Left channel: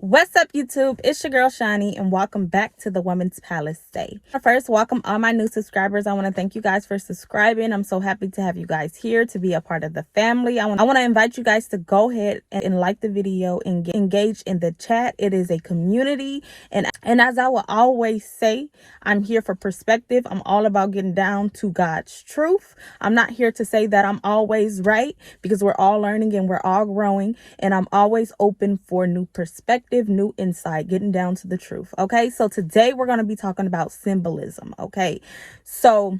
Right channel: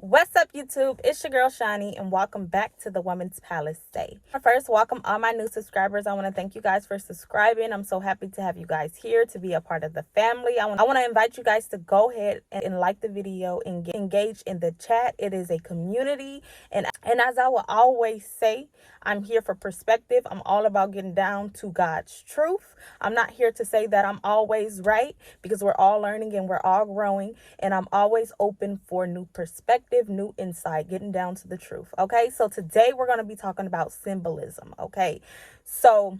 What's up, YouTube? It's your girl Shani, and welcome back to the Women's Palacè. First, welcome all my new subscribers. I want to thank you guys for subscribing. I'm so happy to have you guys here to be a part of the family. I want to invite you guys to go ahead and like the video and engage in the chat. It is a community, and as I will always say, I'm here for perspective. I'm all about getting down to God's truth. I'm not here to say that I'm always right, because we're all learning and we're all growing, and I'm always open for new perspective, new insight, getting down to the truth. Okay, so today we're going to be talking about symbolism. Okay, so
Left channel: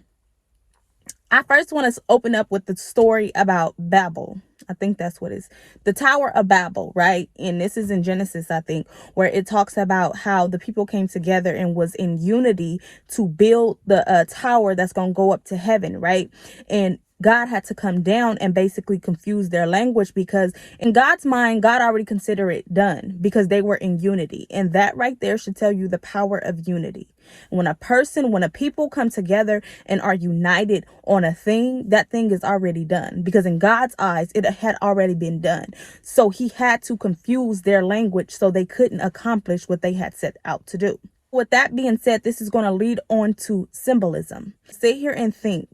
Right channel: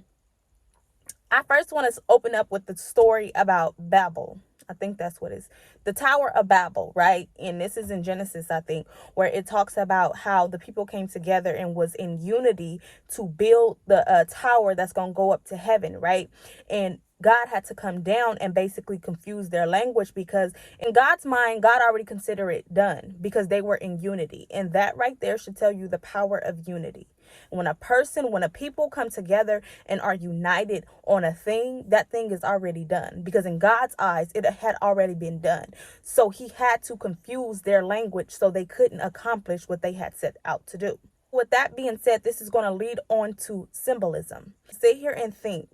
I first want to open up with the story about Babel. I think that's what it is. The Tower of Babel, right? And this is in Genesis, I think, where it talks about how the people came together and was in unity to build the tower that's going to go up to heaven, right? And God had to come down and basically confuse their language, because in God's mind, God already considered it done because they were in unity. And that right there should tell you the power of unity. When a people come together and are united on a thing, that thing is already done, because in God's eyes, it had already been done. So he had to confuse their language so they couldn't accomplish what they had set out to do. With that being said, this is going to lead on to symbolism. Sit here and think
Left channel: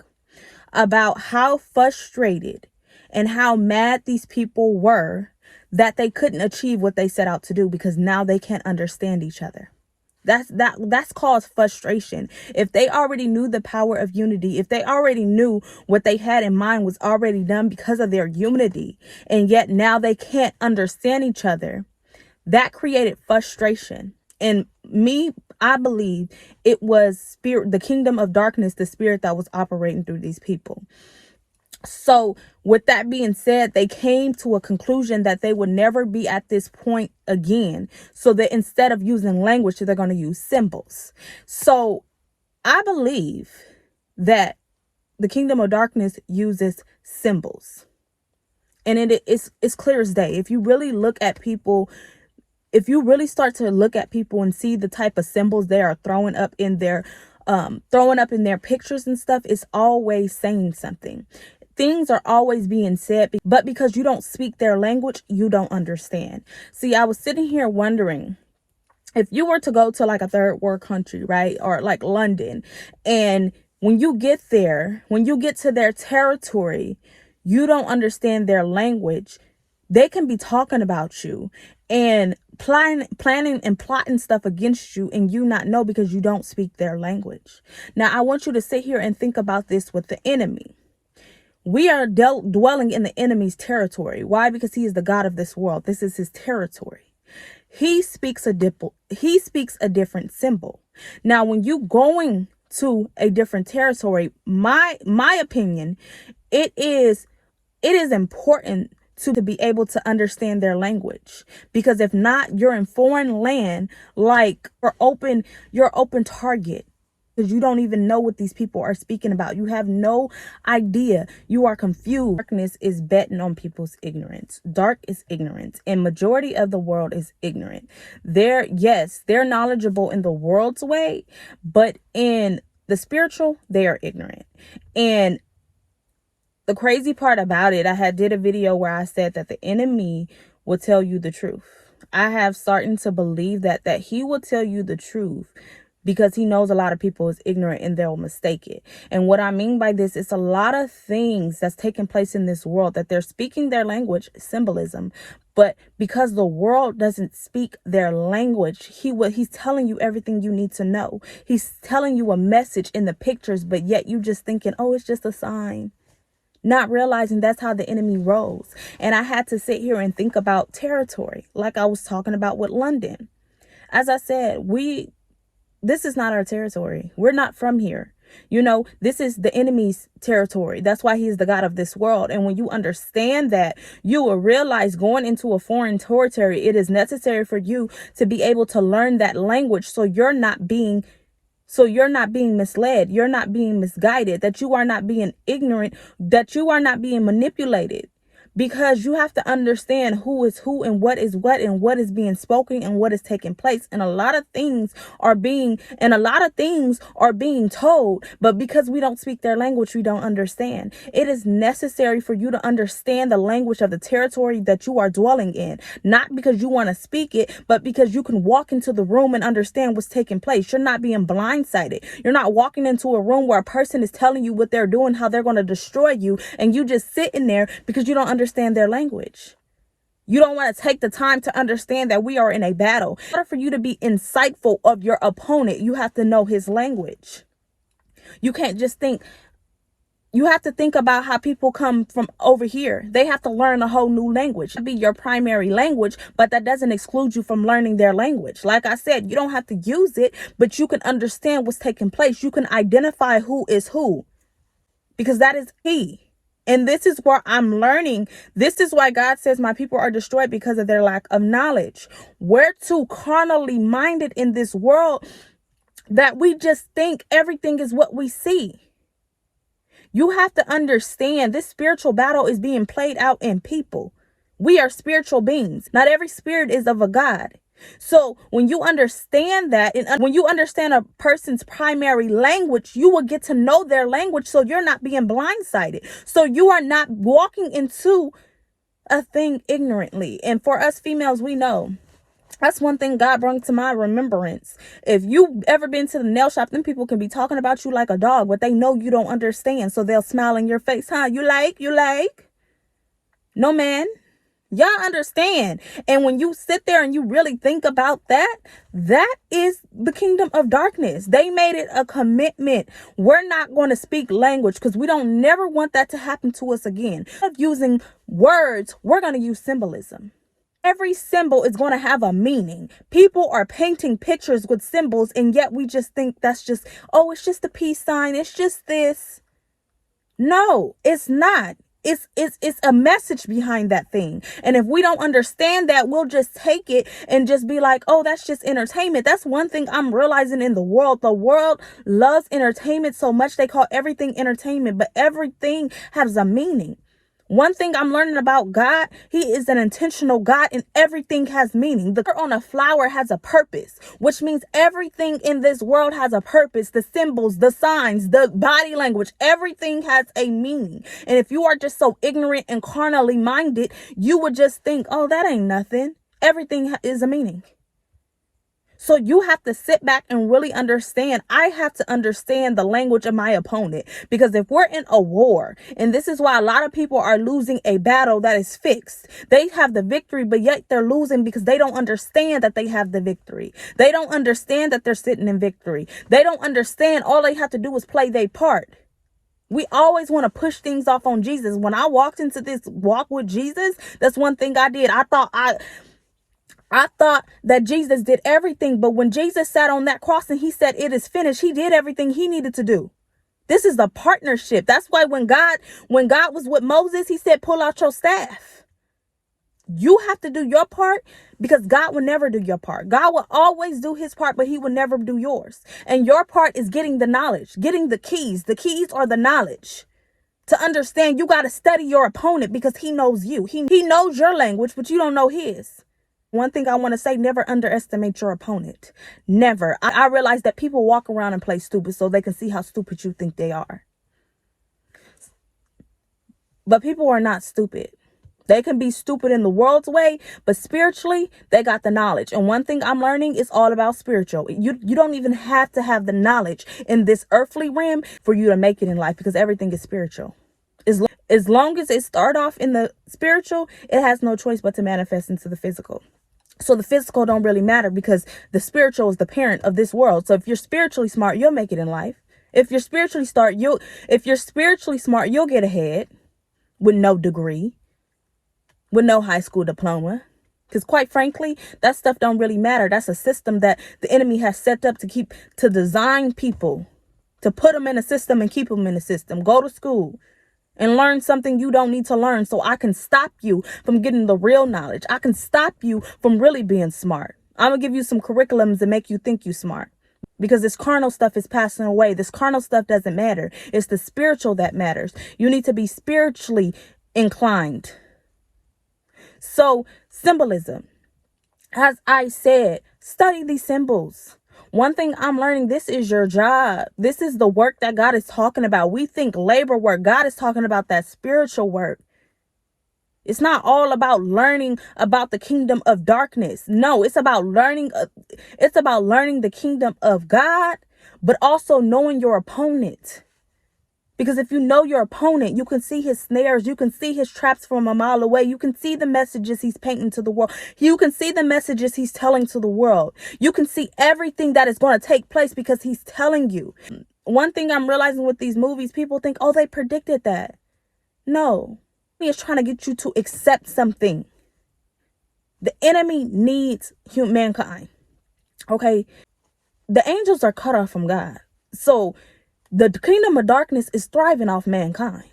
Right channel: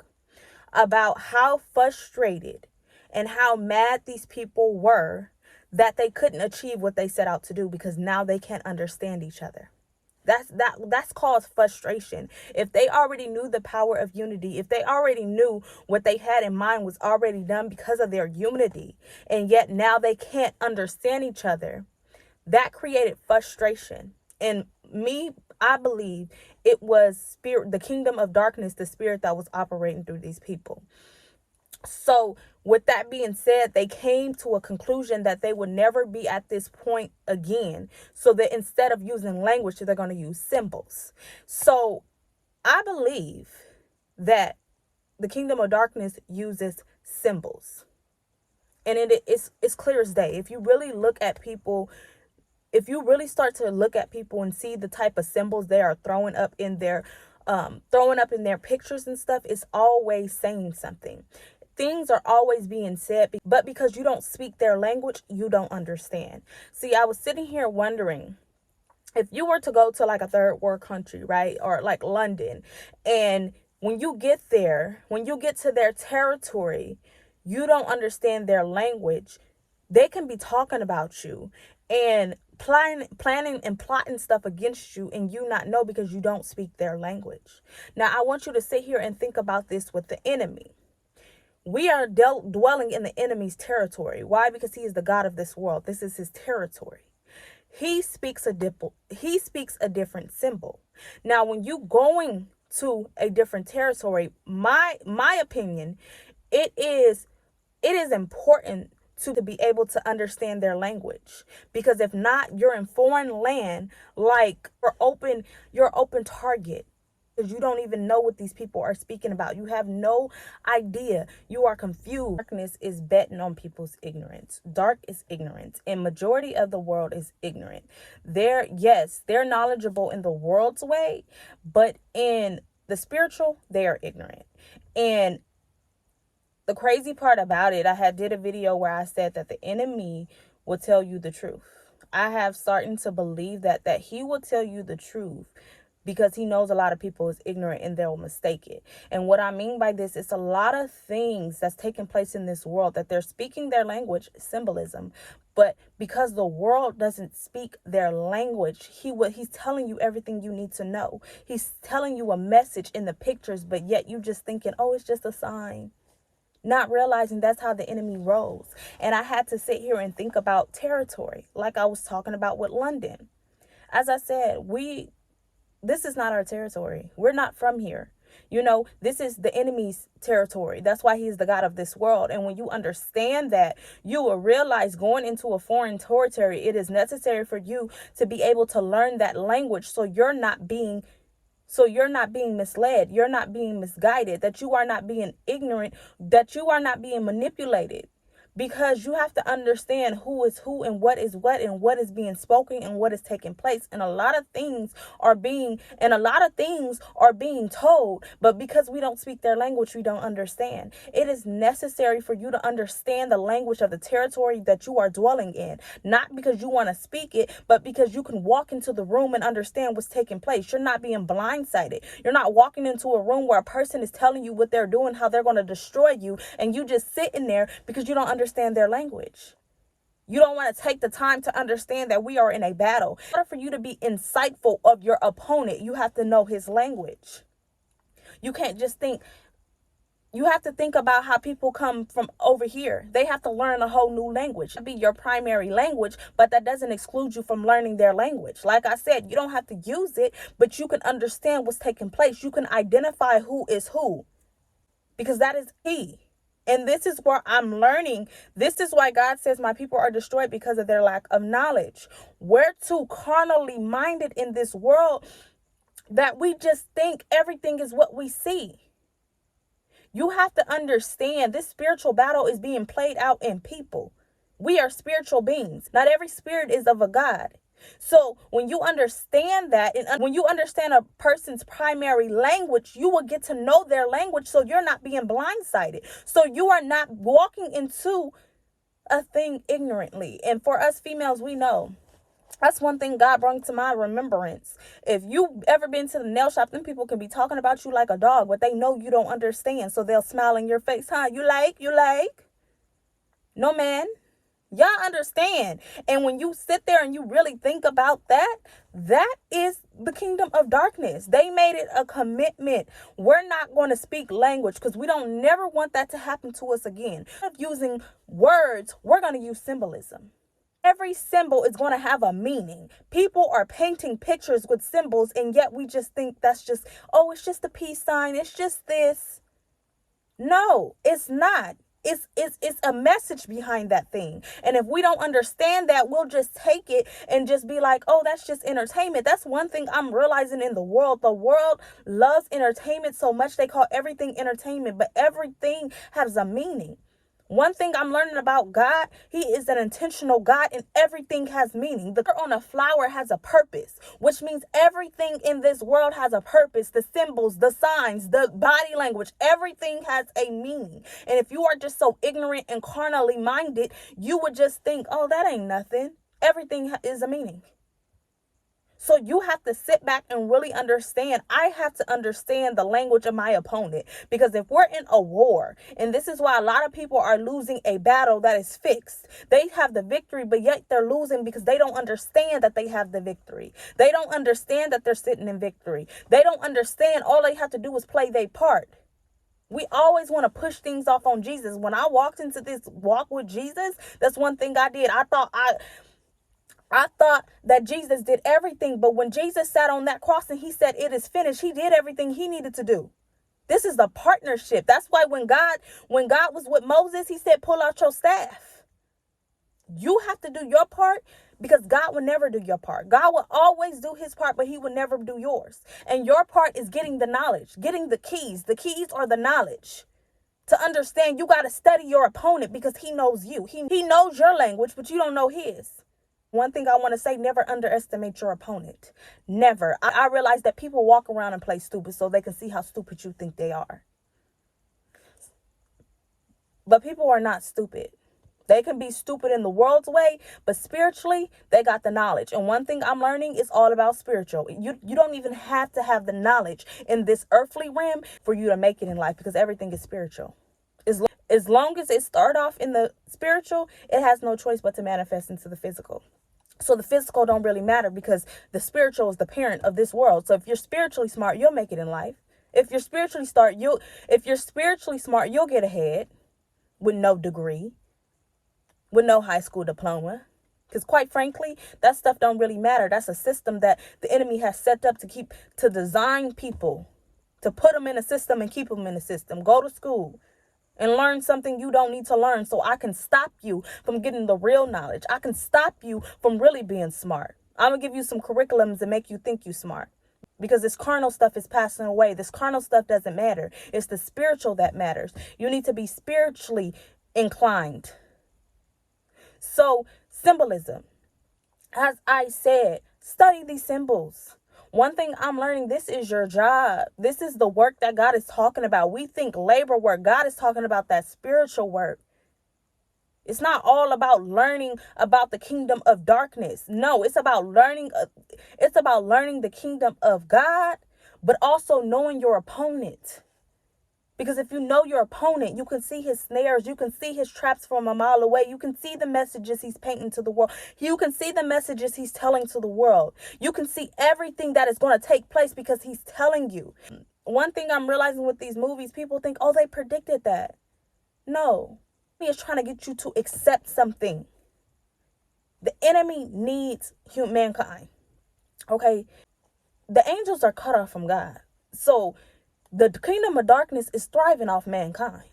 about how frustrated and how mad these people were that they couldn't achieve what they set out to do, because now they can't understand each other. That's caused frustration. If they already knew the power of unity, if they already knew what they had in mind was already done because of their unity, and yet now they can't understand each other, that created frustration. And I believe it was the kingdom of darkness, the spirit that was operating through these people. So with that being said, they came to a conclusion that they would never be at this point again. So that instead of using language, they're going to use symbols. So I believe that the kingdom of darkness uses symbols. And it's clear as day. If you really look at people, if you really start to look at people and see the type of symbols they are throwing up in their pictures and stuff, it's always saying something. Things are always being said, but because you don't speak their language, you don't understand. See, I was sitting here wondering, if you were to go to like a third world country, right? Or like London, and when you get there, when you get to their territory, you don't understand their language. They can be talking about you and planning and plotting stuff against you, and you not know because you don't speak their language. Now, I want you to sit here and think about this with the enemy. We are dwelling in the enemy's territory. Why? Because he is the God of this world. This is his territory. He speaks a different symbol. Now, when you going to a different territory, my opinion, it is important to be able to understand their language, because if not, you're in foreign land, like you're open target, because you don't even know what these people are speaking about. You have no idea. You are confused. Darkness is betting on people's ignorance. Dark is ignorance, and majority of the world is ignorant. They're knowledgeable in the world's way, but in the spiritual, they are ignorant. And the crazy part about it, I did a video where I said that the enemy will tell you the truth. I have started to believe that he will tell you the truth, because he knows a lot of people is ignorant and they'll mistake it. And what I mean by this, it's a lot of things that's taking place in this world that they're speaking their language, symbolism, but because the world doesn't speak their language, he's telling you everything you need to know. He's telling you a message in the pictures, but yet you just thinking, oh, it's just a sign. Not realizing that's how the enemy rolls. And I had to sit here and think about territory, like I was talking about with London. As I said, this is not our territory. We're not from here. This is the enemy's territory. That's why he's the God of this world. And when you understand that, you will realize going into a foreign territory, it is necessary for you to be able to learn that language, so you're not being misled, you're not being misguided, that you are not being ignorant, that you are not being manipulated. because you have to understand who is who and what is being spoken and what is taking place. And a lot of things are being told, but because we don't speak their language, we don't understand. It is necessary for you to understand the language of the territory that you are dwelling in, not because you want to speak it, but because you can walk into the room and understand what's taking place. You're not being blindsided. You're not walking into a room where a person is telling you what they're doing, how they're going to destroy you, and you just sitting there because you don't understand their language. You don't want to take the time to understand that we are in a battle. In order for you to be insightful of your opponent, you have to know his language. You can't just think. You have to think about how people come from over here. They have to learn a whole new language. It be your primary language, but that doesn't exclude you from learning their language. Like I said, you don't have to use it, but you can understand what's taking place. You can identify who is who, because that is key. And this is where I'm learning. This is why God says my people are destroyed, because of their lack of knowledge. We're too carnally minded in this world that we just think everything is what we see. You have to understand this spiritual battle is being played out in people. We are spiritual beings. Not every spirit is of a God. So when you understand that, and when you understand a person's primary language, you will get to know their language, so you're not being blindsided. So you are not walking into a thing ignorantly. And for us females, we know. That's one thing God brought to my remembrance. If you've ever been to the nail shop, then people can be talking about you like a dog, but they know you don't understand. So they'll smile in your face. Huh? You like? No, man. Y'all understand. And when you sit there and you really think about that, that is the kingdom of darkness. They made it a commitment. We're not going to speak language because we don't never want that to happen to us again. Instead of using words, we're going to use symbolism. Every symbol is going to have a meaning. People are painting pictures with symbols, and yet we just think that's just, oh, it's just a peace sign. It's just this. No, it's not. It's a message behind that thing. And if we don't understand that, we'll just take it and just be like, oh, that's just entertainment. That's one thing I'm realizing in the world. The world loves entertainment so much. They call everything entertainment, but everything has a meaning. One thing I'm learning about God, he is an intentional God, and everything has meaning. The color on a flower has a purpose, which means everything in this world has a purpose. The symbols, the signs, the body language, everything has a meaning. And if you are just so ignorant and carnally minded, you would just think, oh, that ain't nothing. Everything is a meaning. So you have to sit back and really understand. I have to understand the language of my opponent, because if we're in a war, and this is why a lot of people are losing a battle that is fixed. They have the victory, but yet they're losing because they don't understand that they have the victory. They don't understand that they're sitting in victory. They don't understand all they have to do is play their part. We always want to push things off on Jesus. When I walked into this walk with Jesus, that's one thing I did. I thought that Jesus did everything, but when Jesus sat on that cross and he said, it is finished, he did everything he needed to do. This is a partnership. That's why when God was with Moses, he said, pull out your staff. You have to do your part, because God will never do your part. God will always do his part, but he will never do yours. And your part is getting the knowledge, getting the keys. The keys are the knowledge. To understand, you got to study your opponent, because he knows you. He knows your language, but you don't know his. One thing I want to say, never underestimate your opponent. Never. I realize that people walk around and play stupid so they can see how stupid you think they are. But people are not stupid. They can be stupid in the world's way, but spiritually, they got the knowledge. And one thing I'm learning is all about spiritual. You don't even have to have the knowledge in this earthly realm for you to make it in life, because everything is spiritual. As long as it start off in the spiritual, it has no choice but to manifest into the physical. So the physical don't really matter, because the spiritual is the parent of this world. So if you're spiritually smart, you'll make it in life. If you're spiritually smart, you'll get ahead with no degree, with no high school diploma. Because quite frankly, that stuff don't really matter. That's a system that the enemy has set up to design people, to put them in a system and keep them in a system. Go to school and learn something you don't need to learn, so I can stop you from getting the real knowledge. I can stop you from really being smart. I'm going to give you some curriculums and make you think you smart, because this carnal stuff is passing away. This carnal stuff doesn't matter. It's the spiritual that matters. You need to be spiritually inclined. So symbolism, as I said, study these symbols. One thing I'm learning, this is your job. This is the work that God is talking about. We think labor work. God is talking about that spiritual work. It's not all about learning about the kingdom of darkness. No, it's about learning. It's about learning the kingdom of God, but also knowing your opponent. Because if you know your opponent, you can see his snares. You can see his traps from a mile away. You can see the messages he's painting to the world. You can see the messages he's telling to the world. You can see everything that is going to take place because he's telling you. One thing I'm realizing with these movies, people think, oh, they predicted that. No. He is trying to get you to accept something. The enemy needs mankind. Okay? The angels are cut off from God. So the kingdom of darkness is thriving off mankind.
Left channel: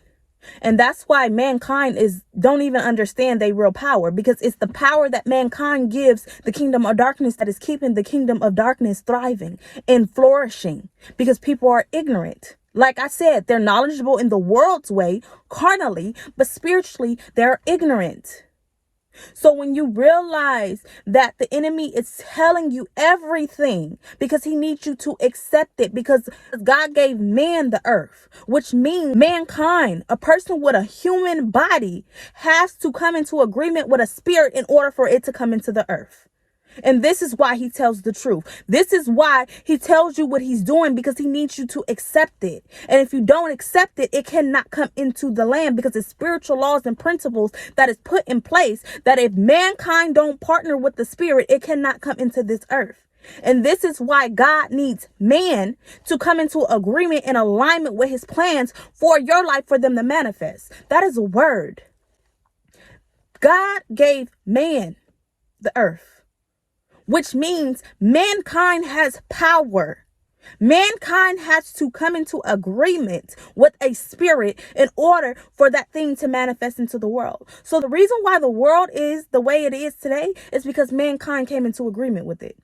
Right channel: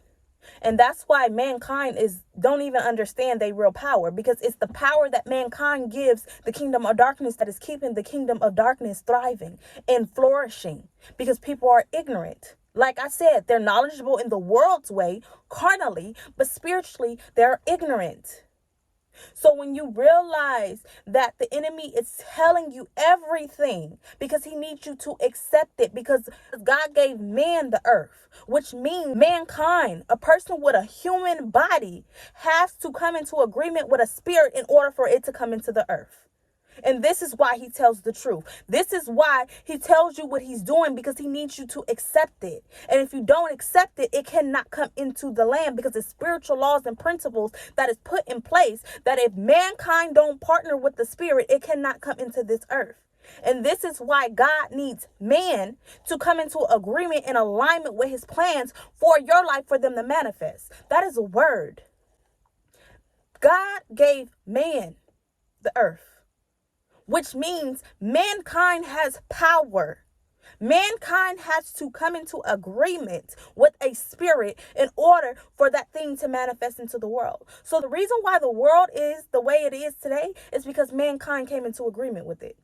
And that's why mankind don't even understand their real power, because it's the power that mankind gives the kingdom of darkness that is keeping the kingdom of darkness thriving and flourishing, because people are ignorant. Like I said, they're knowledgeable in the world's way, carnally, but spiritually, they're ignorant. So when you realize that the enemy is telling you everything because he needs you to accept it, because God gave man the earth, which means mankind, a person with a human body, has to come into agreement with a spirit in order for it to come into the earth. And this is why he tells the truth. This is why he tells you what he's doing, because he needs you to accept it. And if you don't accept it, it cannot come into the land, because it's spiritual laws and principles that is put in place that if mankind don't partner with the spirit, it cannot come into this earth. And this is why God needs man to come into agreement and alignment with his plans for your life, for them to manifest. That is a word. God gave man the earth, which means mankind has power. Mankind has to come into agreement with a spirit in order for that thing to manifest into the world. So the reason why the world is the way it is today is because mankind came into agreement with it.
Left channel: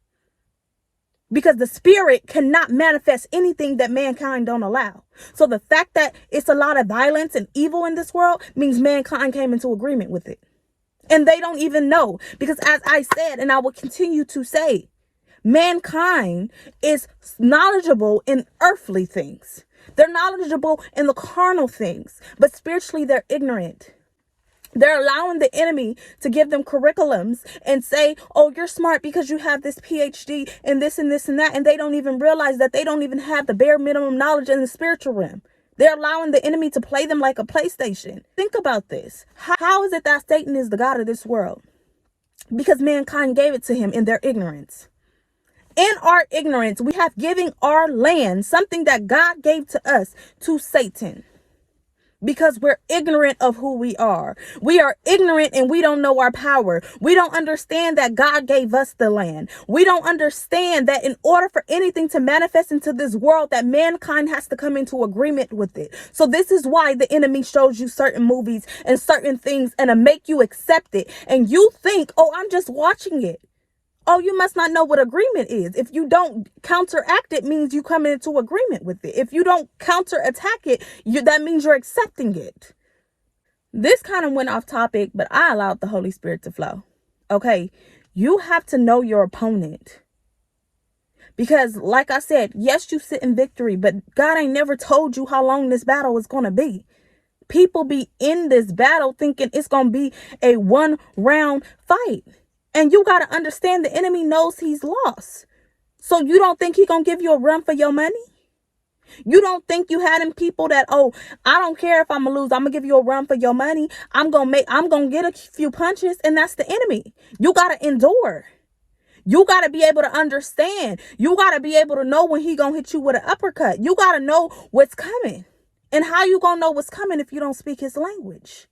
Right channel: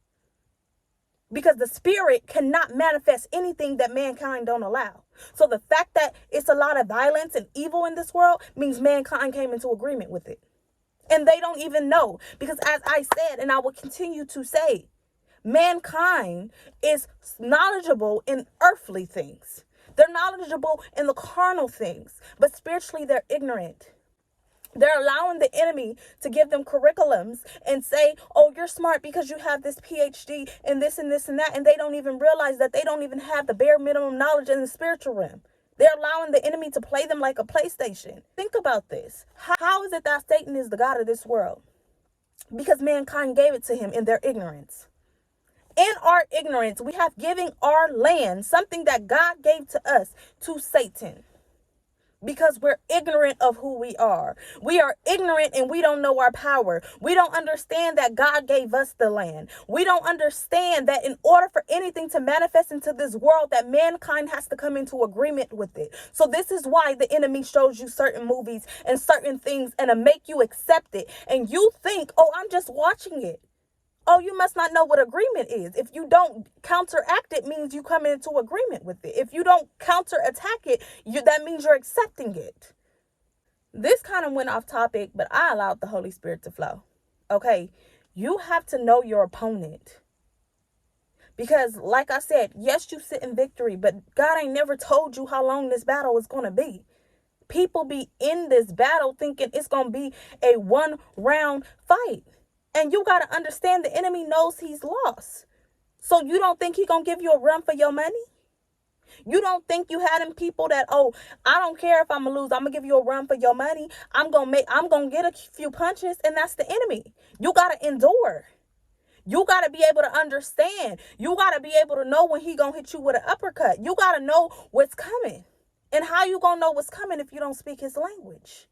Because the spirit cannot manifest anything that mankind don't allow. So the fact that it's a lot of violence and evil in this world means mankind came into agreement with it. And they don't even know, because as I said, and I will continue to say, mankind is knowledgeable in earthly things. They're knowledgeable in the carnal things, but spiritually they're ignorant. They're allowing the enemy to give them curriculums and say, oh, you're smart because you have this PhD and this and this and that. And they don't even realize that they don't even have the bare minimum knowledge in the spiritual realm. They're allowing the enemy to play them like a PlayStation. Think about this. How is it that Satan is the God of this world? Because mankind gave it to him in their ignorance. In our ignorance, we have given our land, something that God gave to us, to Satan. Because we're ignorant of who we are. We are ignorant and we don't know our power. We don't understand that God gave us the land. We don't understand that in order for anything to manifest into this world, that mankind has to come into agreement with it. So this is why the enemy shows you certain movies and certain things and to make you accept it. And you think, oh, I'm just watching it. Oh, you must not know what agreement is. If you don't counteract it, means you come into agreement with it. If you don't counterattack it, that means you're accepting it. This kind of went off topic, but I allowed the Holy Spirit to flow. Okay, you have to know your opponent. Because like I said, yes, you sit in victory, but God ain't never told you how long this battle is going to be. People be in this battle thinking it's going to be a 1-round fight. And you got to understand the enemy knows he's lost. So you don't think he's going to give you a run for your money? You don't think you had them people that, oh, I don't care if I'm going to lose. I'm going to give you a run for your money. I'm going to get a few punches. And that's the enemy. You got to endure. You got to be able to understand. You got to be able to know when he going to hit you with an uppercut. You got to know what's coming. And how you going to know what's coming if you don't speak his language?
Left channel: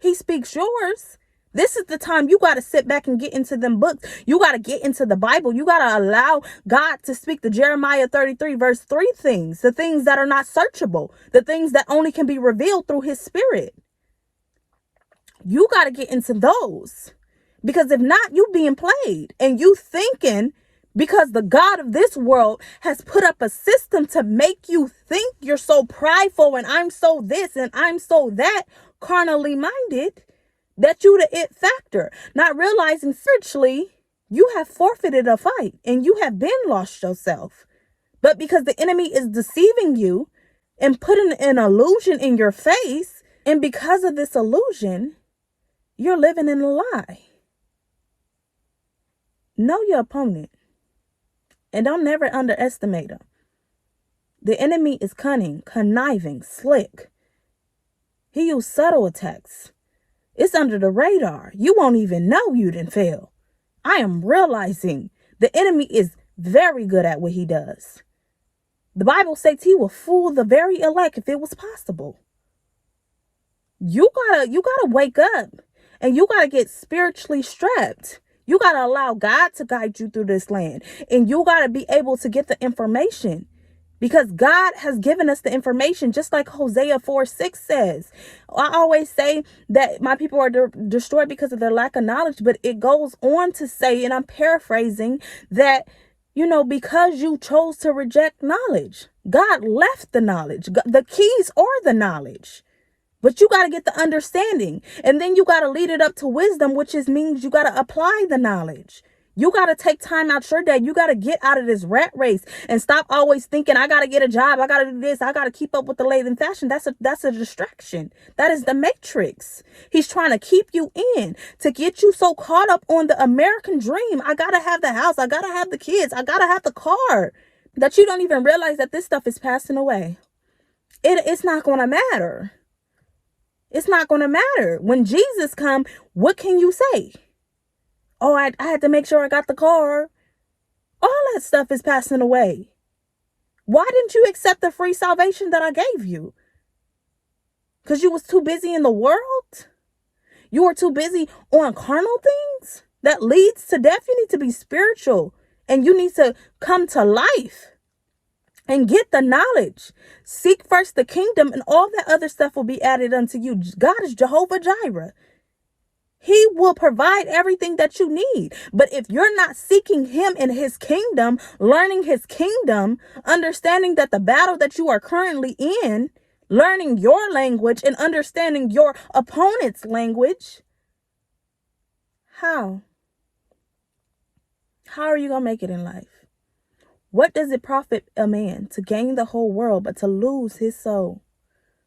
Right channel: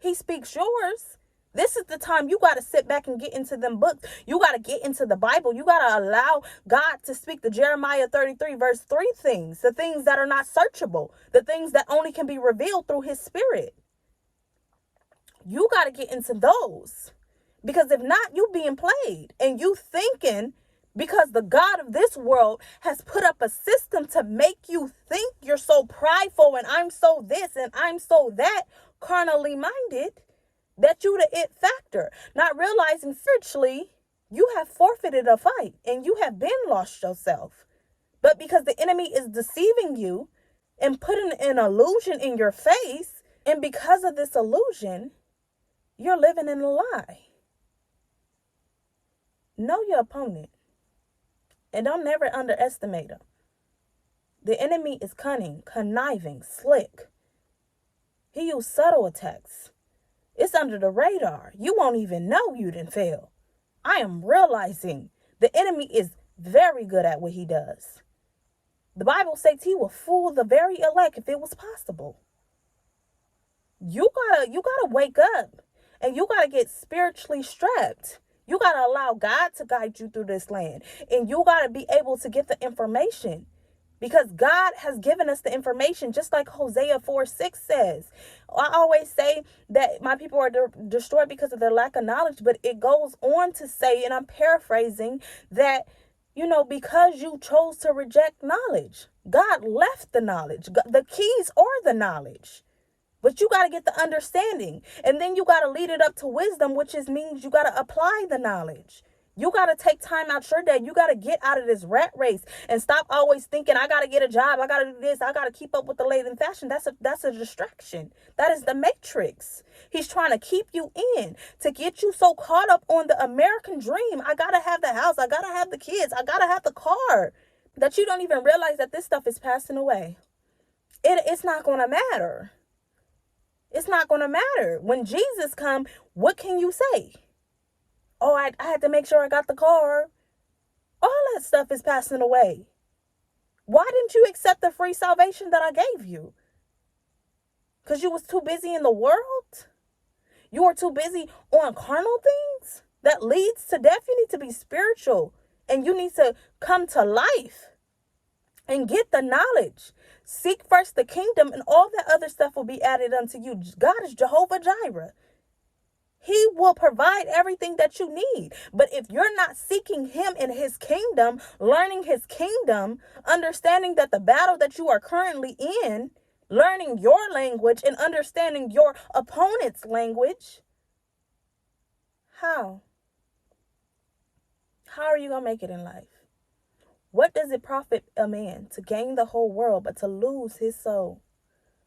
He speaks yours. This is the time you got to sit back and get into them books. You got to get into the Bible. You got to allow God to speak the Jeremiah 33 verse 3 things, the things that are not searchable, the things that only can be revealed through his spirit. You got to get into those, because if not, you being played and you thinking because the God of this world has put up a system to make you think you're so prideful and I'm so this and I'm so that, carnally minded. That you the it factor, not realizing spiritually you have forfeited a fight and you have been lost yourself. But because the enemy is deceiving you and putting an illusion in your face, and because of this illusion, you're living in a lie. Know your opponent and don't never underestimate him. The enemy is cunning, conniving, slick. He used subtle attacks. It's under the radar. You won't even know you didn't fail. I am realizing the enemy is very good at what he does. The Bible says he will fool the very elect if it was possible. You gotta wake up and you gotta get spiritually strapped. You gotta allow God to guide you through this land, and you gotta be able to get the information. Because God has given us the information, just like Hosea 4:6 says. I always say that my people are destroyed because of their lack of knowledge, but it goes on to say, and I'm paraphrasing, that, because you chose to reject knowledge, God left the knowledge. The keys are the knowledge. But you got to get the understanding. And then you got to lead it up to wisdom, which means you got to apply the knowledge. You got to take time out your day. You got to get out of this rat race and stop always thinking, I got to get a job. I got to do this. I got to keep up with the latest fashion. That's a distraction. That is the matrix. He's trying to keep you in, to get you so caught up on the American dream. I got to have the house. I got to have the kids. I got to have the car, that you don't even realize that this stuff is passing away. It's not going to matter. It's not going to matter. When Jesus come, what can you say? Oh, I had to make sure I got the car. All that stuff is passing away. Why didn't you accept the free salvation that I gave you? Because you was too busy in the world? You were too busy on carnal things? That leads to death. You need to be spiritual. And you need to come to life and get the knowledge. Seek first the kingdom, and all that other stuff will be added unto you. God is Jehovah Jireh. He will provide everything that you need. But if you're not seeking him in his kingdom, learning his kingdom, understanding that the battle that you are currently in, learning your language and understanding your opponent's language, how are you going to make it in life? What does it profit a man to gain the whole world but to lose his soul?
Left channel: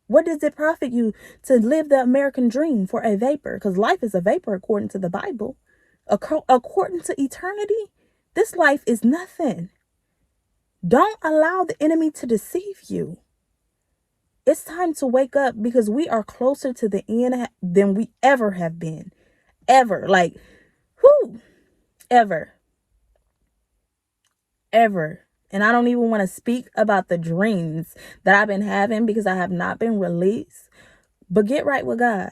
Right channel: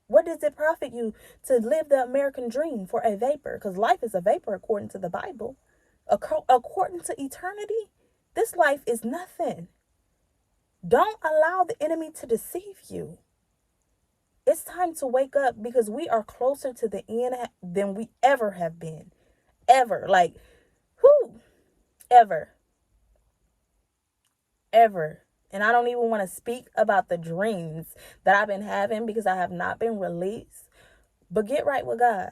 What does it profit you to live the American dream for a vapor? Because life is a vapor according to the Bible. According to eternity, this life is nothing. Don't allow the enemy to deceive you. It's time to wake up, because we are closer to the end than we ever have been. Ever. Like, ever. Ever. And I don't even want to speak about the dreams that I've been having, because I have not been released. But get right with God.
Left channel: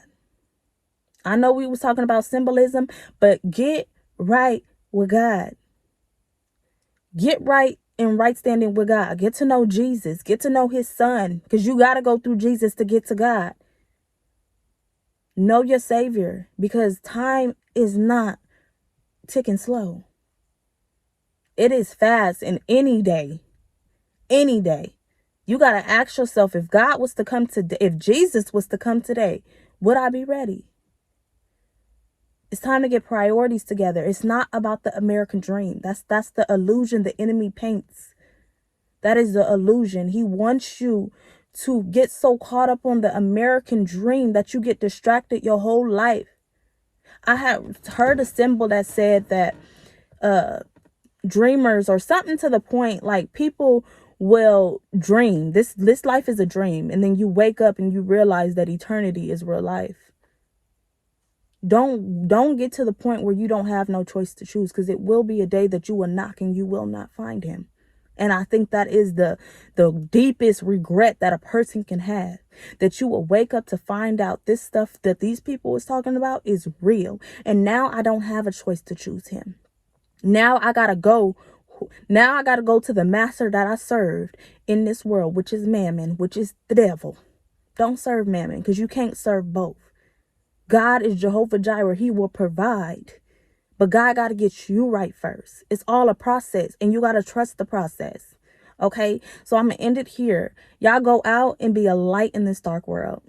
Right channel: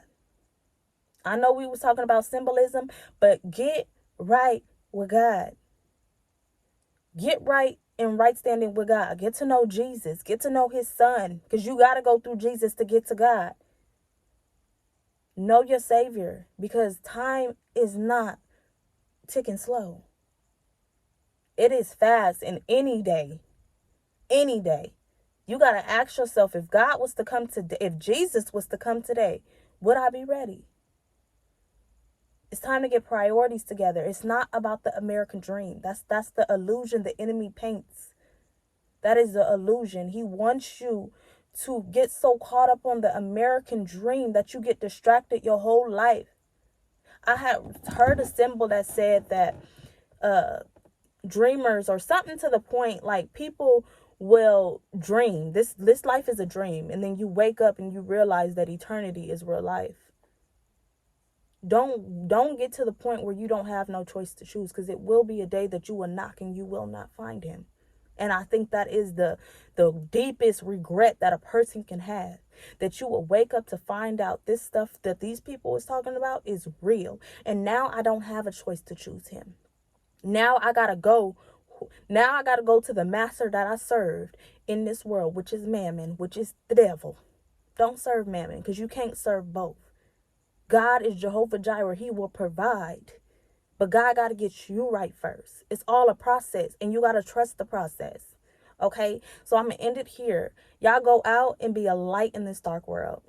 I know we was talking about symbolism, but get right with God. Get right in right standing with God. Get to know Jesus. Get to know his son, because you got to go through Jesus to get to God. Know your Savior, because time is not ticking slow. It is fast, and any day, you got to ask yourself, if God was to come today, if Jesus was to come today, would I be ready? It's time to get priorities together. It's not about the American dream. That's the illusion the enemy paints. That is the illusion. He wants you to get so caught up on the American dream that you get distracted your whole life. I have heard a symbol that said that dreamers, or something to the point, like, people will dream. This life is a dream, and then you wake up and you realize that eternity is real life. Don't get to the point where you don't have no choice to choose, because it will be a day that you will knock and you will not find him. And I think that is the deepest regret that a person can have, that you will wake up to find out this stuff that these people is talking about is real, and now I don't have a choice to choose him. Now I gotta go to the master that I served in this world, which is mammon, which is the devil. Don't serve mammon, because you can't serve both. God is Jehovah Jireh. He will provide. But God got to get you right first. It's all a process, and you got to trust the process. Okay? So I'm going to end it here. Y'all go out and be a light in this dark world.